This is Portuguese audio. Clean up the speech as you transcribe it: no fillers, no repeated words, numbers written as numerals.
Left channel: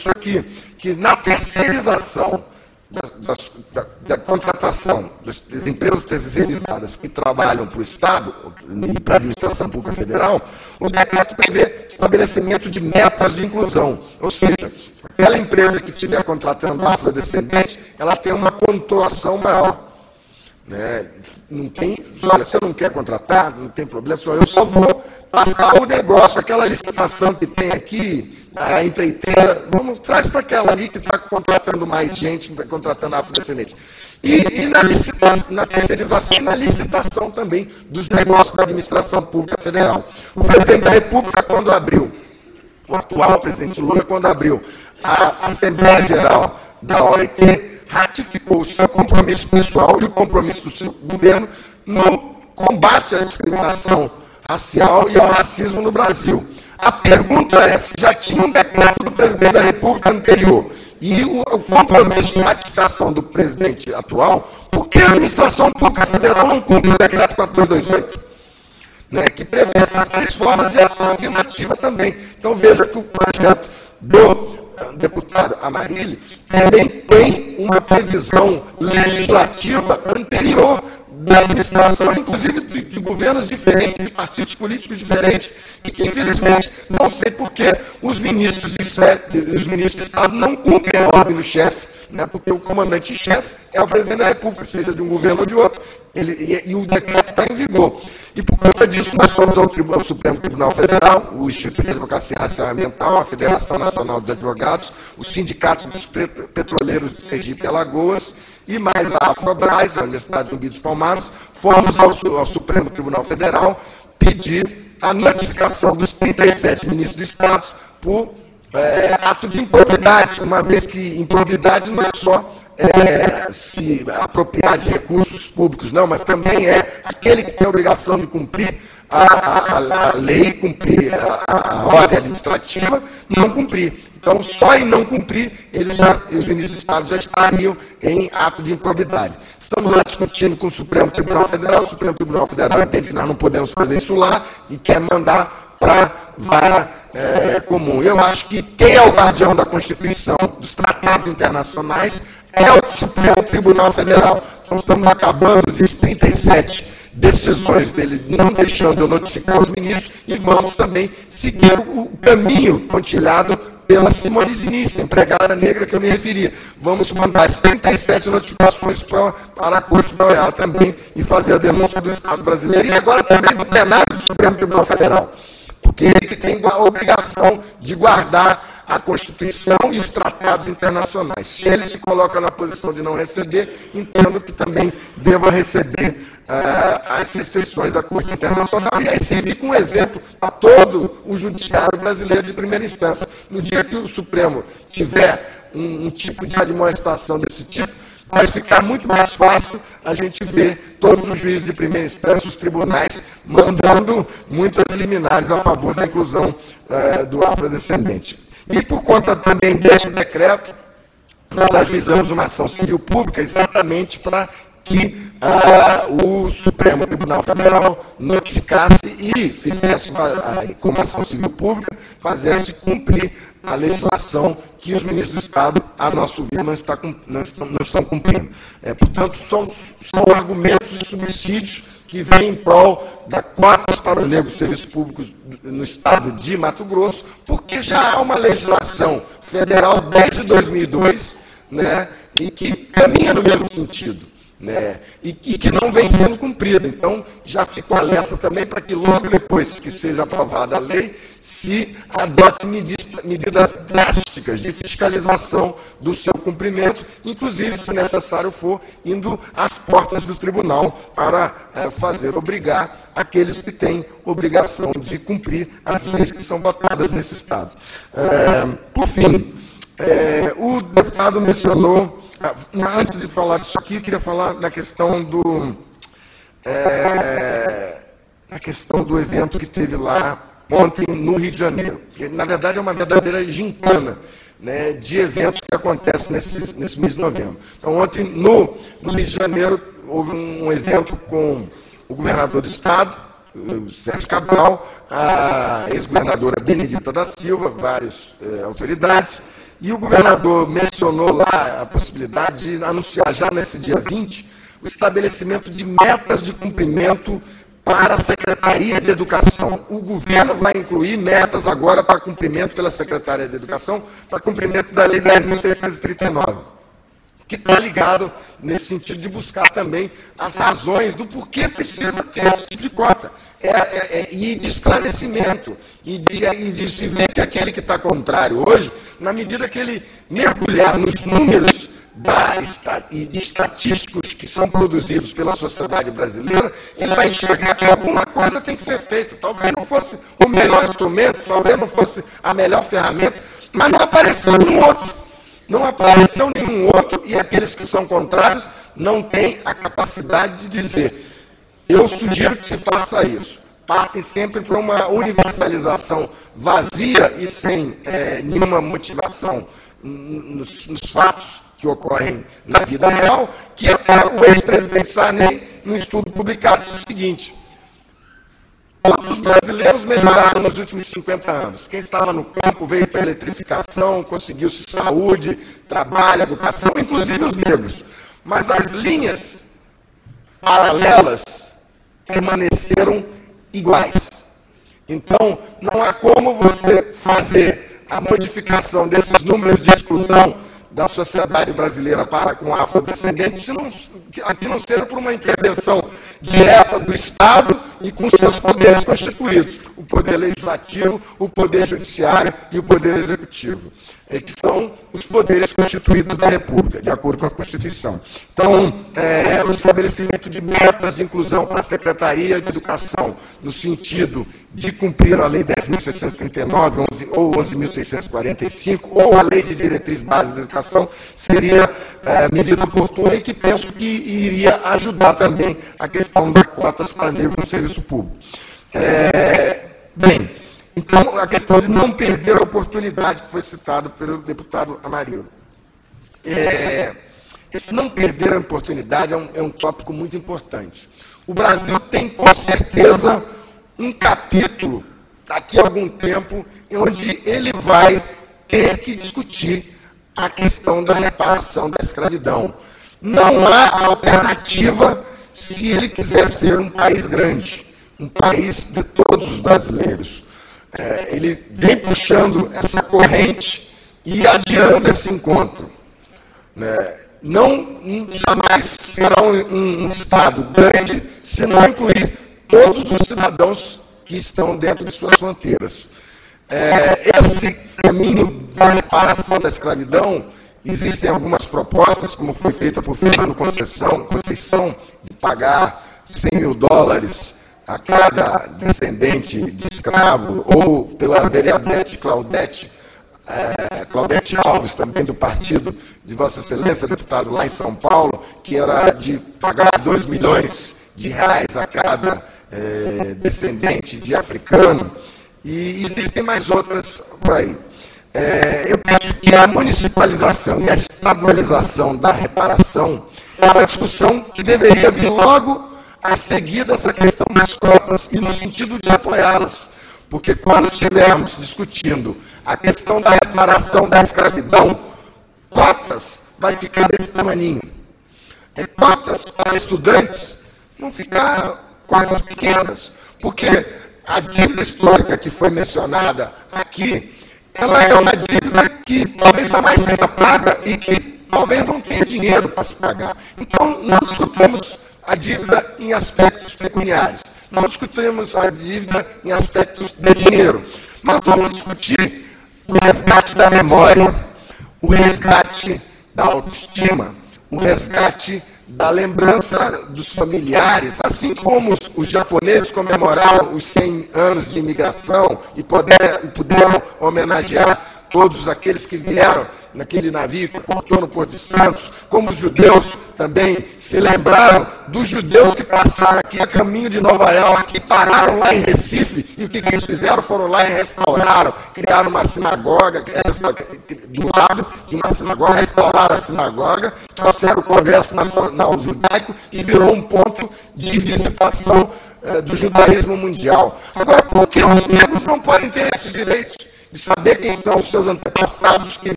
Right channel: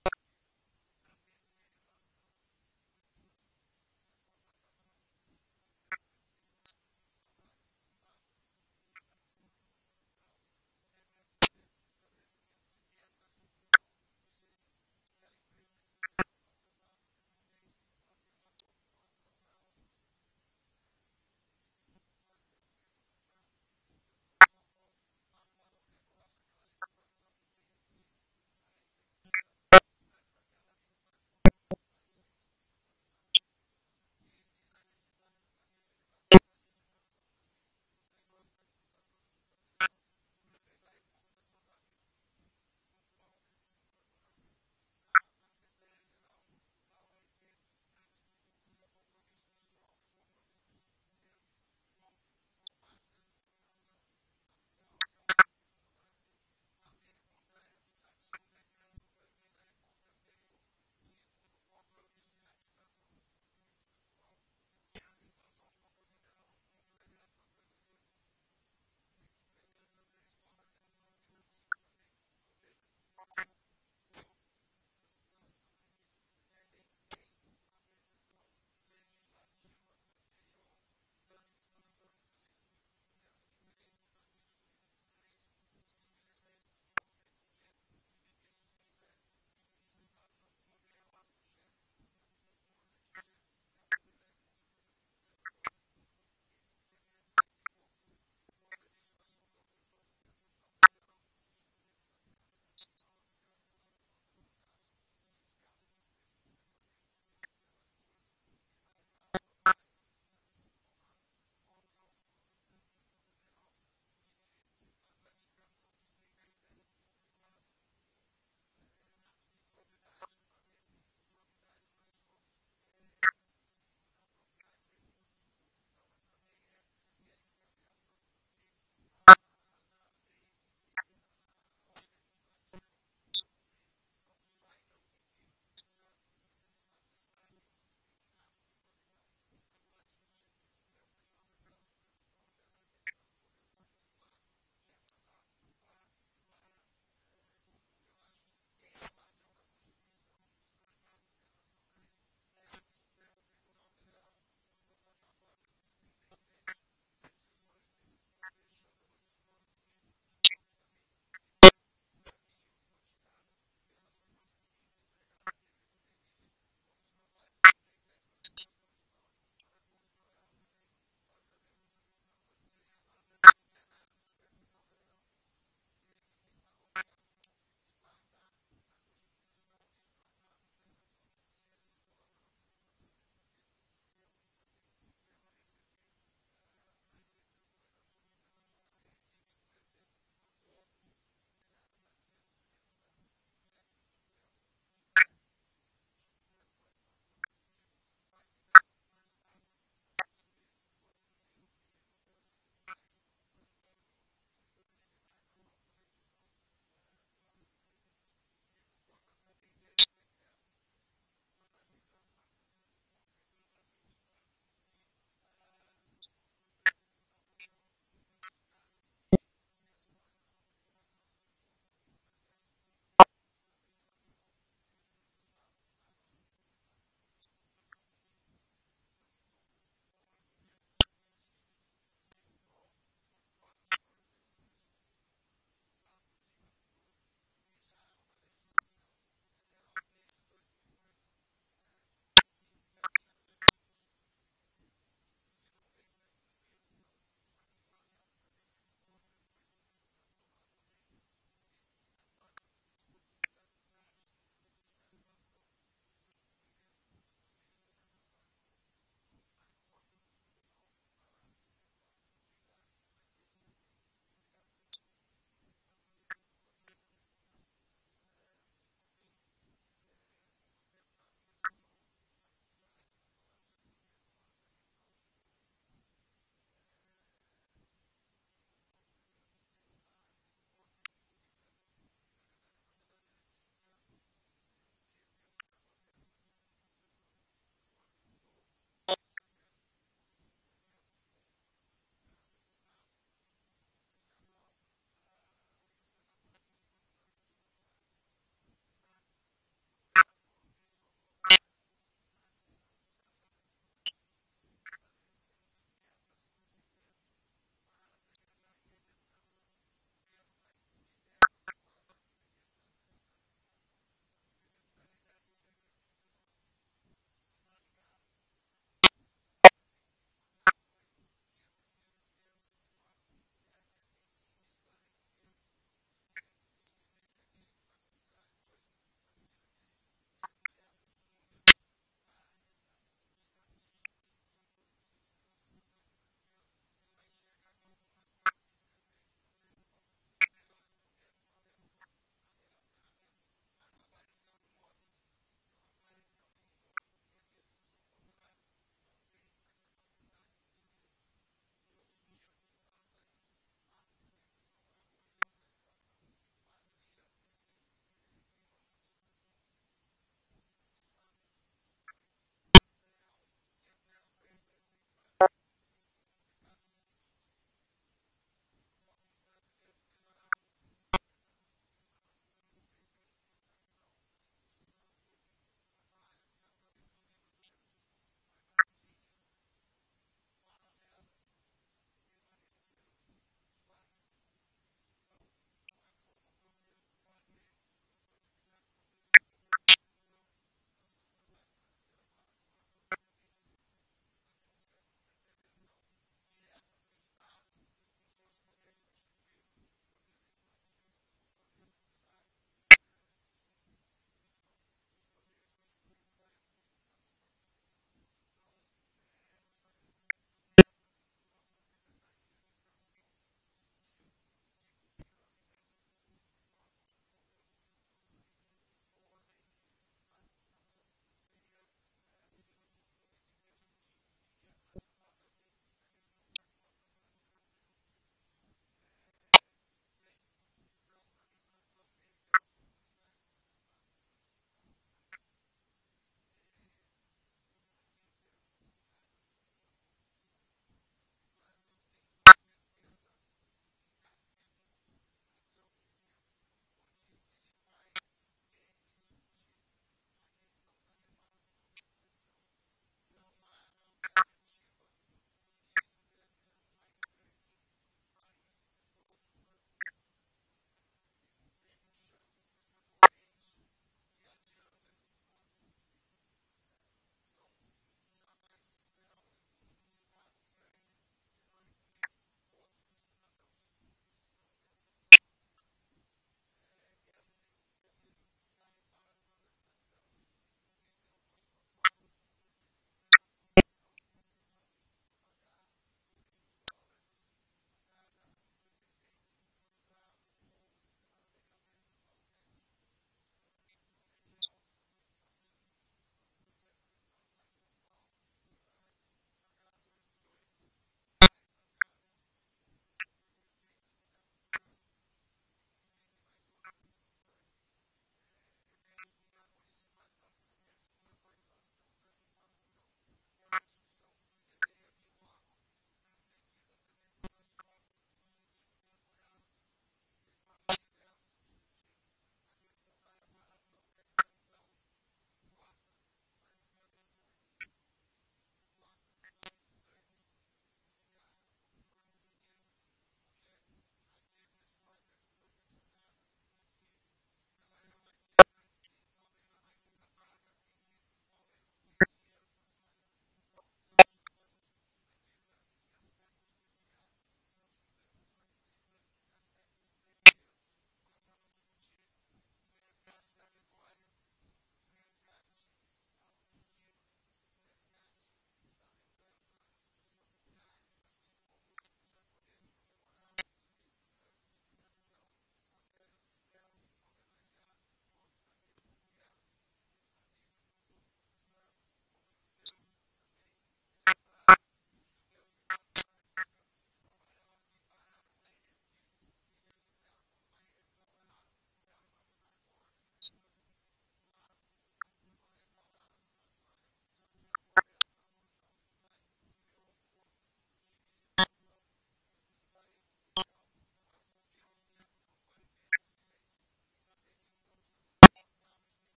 isso aqui, que na terceirização da contratação das empresas terceirizadas que trabalham para o Estado e para a administração pública federal, o decreto prevê estabelecimento de metas de inclusão, ou seja, aquela empresa que estiver contratando afrodescendente, ela tem uma pontuação maior. Né? Não tem, olha, você não quer contratar, não tem problema, eu só vou passar o negócio, aquela licitação que tem aqui, a empreiteira, vamos, traz para aquela ali que está contratando mais gente, que está contratando afrodescendente. E na terceirização e na licitação também dos negócios da administração pública federal. O presidente da República, quando abriu, o atual presidente Lula, quando abriu a Assembleia Geral da OIT, ratificou o seu compromisso pessoal e o compromisso do seu governo no combate à discriminação racial e ao racismo no Brasil. A pergunta é se já tinha um decreto do presidente da República anterior e o compromisso de ratificação do presidente atual, por que a administração pública federal não cumpre o decreto 4228? Né, que prevê essas três formas de ação afirmativa também. Então, veja que o projeto do deputado Amarilli também tem uma previsão legislativa anterior da administração, inclusive de governos diferentes, de partidos políticos diferentes, e que, infelizmente, não sei por que os ministros de Estado não cumprem a ordem do chefe, né, porque o comandante-chefe é o presidente da República, seja de um governo ou de outro, e o decreto está em vigor. E por conta disso, nós fomos ao Supremo Tribunal Federal, o Instituto de Advocacia Racial e Ambiental, a Federação Nacional dos Advogados, o Sindicato dos Petroleiros de Sergipe e Alagoas, e mais a Afrobras, a Universidade Zumbi dos Palmares, fomos ao Supremo Tribunal Federal pedir a notificação dos 37 ministros do Estado por ato de improbidade, uma vez que improbidade não é só se apropriar de recursos públicos, não, mas também é aquele que tem a obrigação de cumprir a lei, cumprir a ordem administrativa, não cumprir. Então, só em não cumprir, os ministros do Estado já estariam em ato de improbidade. Estamos lá discutindo com o Supremo Tribunal Federal, o Supremo Tribunal Federal entende que nós não podemos fazer isso lá e quer mandar para a vara comum. Eu acho que quem é o guardião da Constituição, dos tratados internacionais, é o Supremo Tribunal Federal. Então, estamos acabando de 37 decisões dele, não deixando eu notificar os ministros, e vamos também seguir o caminho pontilhado pela Simone Diniz, empregada negra que eu me referi. Vamos mandar as 37 notificações para a Corte da OEA também e fazer a denúncia do Estado brasileiro e agora também do plenário do Supremo Tribunal Federal, porque ele que tem a obrigação de guardar a Constituição e os tratados internacionais. Se ele se coloca na posição de não receber, entendo que também deva receber as restrições da Corte Internacional, e aí servir como exemplo a todo o judiciário brasileiro de primeira instância. No dia que o Supremo tiver um tipo de admoestação desse tipo, vai ficar muito mais fácil a gente ver todos os juízes de primeira instância, os tribunais, mandando muitas liminares a favor da inclusão do afrodescendente. E por conta também desse decreto, nós ajuizamos uma ação civil pública exatamente para que o Supremo Tribunal Federal notificasse e fizesse, como ação civil pública, fizesse cumprir a legislação que os ministros do Estado, a nosso ver, não estão cumprindo. Portanto, são argumentos e subsídios que vêm em prol da cotas para o negro serviços públicos no Estado de Mato Grosso, porque já há uma legislação federal desde 2002, né, e que caminha no mesmo sentido. Né, e que não vem sendo cumprida. Então, já fico alerta também para que logo depois que seja aprovada a lei, se adote medidas drásticas de fiscalização do seu cumprimento, inclusive, se necessário for, indo às portas do tribunal para obrigar aqueles que têm obrigação de cumprir as leis que são votadas nesse Estado. Por fim, o deputado mencionou. Antes de falar disso aqui, eu queria falar da questão do evento que teve lá ontem no Rio de Janeiro, que na verdade é uma verdadeira gincana, né, de eventos que acontecem nesse mês de novembro. Então, ontem no Rio de Janeiro houve um evento com o governador do Estado, o Sérgio Cabral, a ex-governadora Benedita da Silva, várias autoridades, E o governador mencionou lá a possibilidade de anunciar já nesse dia 20 o estabelecimento de metas de cumprimento para a Secretaria de Educação. O governo vai incluir metas agora para cumprimento pela Secretaria de Educação, para cumprimento da Lei 10.639, que está ligado nesse sentido de buscar também as razões do porquê precisa ter esse tipo de cota. E de esclarecimento, e de se ver que aquele que está contrário hoje, na medida que ele mergulhar nos números e de estatísticos que são produzidos pela sociedade brasileira, ele vai enxergar que alguma coisa tem que ser feita. Talvez não fosse o melhor instrumento, talvez não fosse a melhor ferramenta, mas não apareceu nenhum outro. Não apareceu nenhum outro, e aqueles que são contrários não têm a capacidade de dizer: eu sugiro que se faça isso. Partem sempre para uma universalização vazia e sem nenhuma motivação nos fatos que ocorrem na vida real, que até o ex-presidente Sarney, num estudo publicado, disse o seguinte: todos os brasileiros melhoraram nos últimos 50 anos. Quem estava no campo veio para a eletrificação, conseguiu-se saúde, trabalho, educação, inclusive os negros. Mas as linhas paralelas permaneceram iguais. Então, não há como você fazer a modificação desses números de exclusão da sociedade brasileira para com afrodescendentes, que não seja por uma intervenção direta do Estado e com seus poderes constituídos, o poder legislativo, o poder judiciário e o poder executivo, que são os poderes constituídos da República, de acordo com a Constituição. Então, o estabelecimento de metas de inclusão para a Secretaria de Educação, no sentido de cumprir a Lei 10.639 ou 11.645, ou a Lei de Diretriz Básica da Educação, seria medida oportuna e que penso que iria ajudar também a questão das cotas para negros no serviço público. Bem, então, a questão de não perder a oportunidade que foi citada pelo deputado Amarildo. Esse não perder a oportunidade é um tópico muito importante. O Brasil tem, com certeza, um capítulo, daqui a algum tempo, onde ele vai ter que discutir a questão da reparação da escravidão. Não há alternativa se ele quiser ser um país grande, um país de todos os brasileiros. Ele vem puxando essa corrente e adiando esse encontro. Jamais será um Estado grande se não incluir todos os cidadãos que estão dentro de suas fronteiras. Esse caminho da reparação da escravidão, existem algumas propostas, como foi feita por Fernando Conceição, de pagar $100 mil a cada descendente de escravo, ou pela vereadora Claudete Alves, também do partido de Vossa Excelência, deputado lá em São Paulo, que era de pagar R$2 milhões a cada descendente de africano, e existem mais outras por aí. Eu penso que a municipalização e a estadualização da reparação é uma discussão que deveria vir logo a seguir dessa questão das cotas e no sentido de apoiá-las, porque quando estivermos discutindo a questão da reparação da escravidão, cotas vai ficar desse tamaninho. Cotas para estudantes vão ficar coisas pequenas, porque a dívida histórica que foi mencionada aqui, ela é uma dívida que talvez jamais seja paga e que talvez não tenha dinheiro para se pagar. Então, nós discutimos a dívida em aspectos pecuniários, não discutimos a dívida em aspectos de dinheiro. Nós vamos discutir o resgate da memória, o resgate da autoestima, o resgate da lembrança dos familiares, assim como os japoneses comemoraram os 100 anos de imigração e puderam homenagear todos aqueles que vieram naquele navio que portou no Porto de Santos, como os judeus também se lembraram dos judeus que passaram aqui a caminho de Nova York, que pararam lá em Recife, e o que eles fizeram? Foram lá e restauraram, criaram uma sinagoga, do lado de uma sinagoga, restauraram a sinagoga, trouxeram o Congresso Nacional Judaico e virou um ponto de visitação do judaísmo mundial. Agora, por que os negros não podem ter esses direitos de saber quem são os seus antepassados que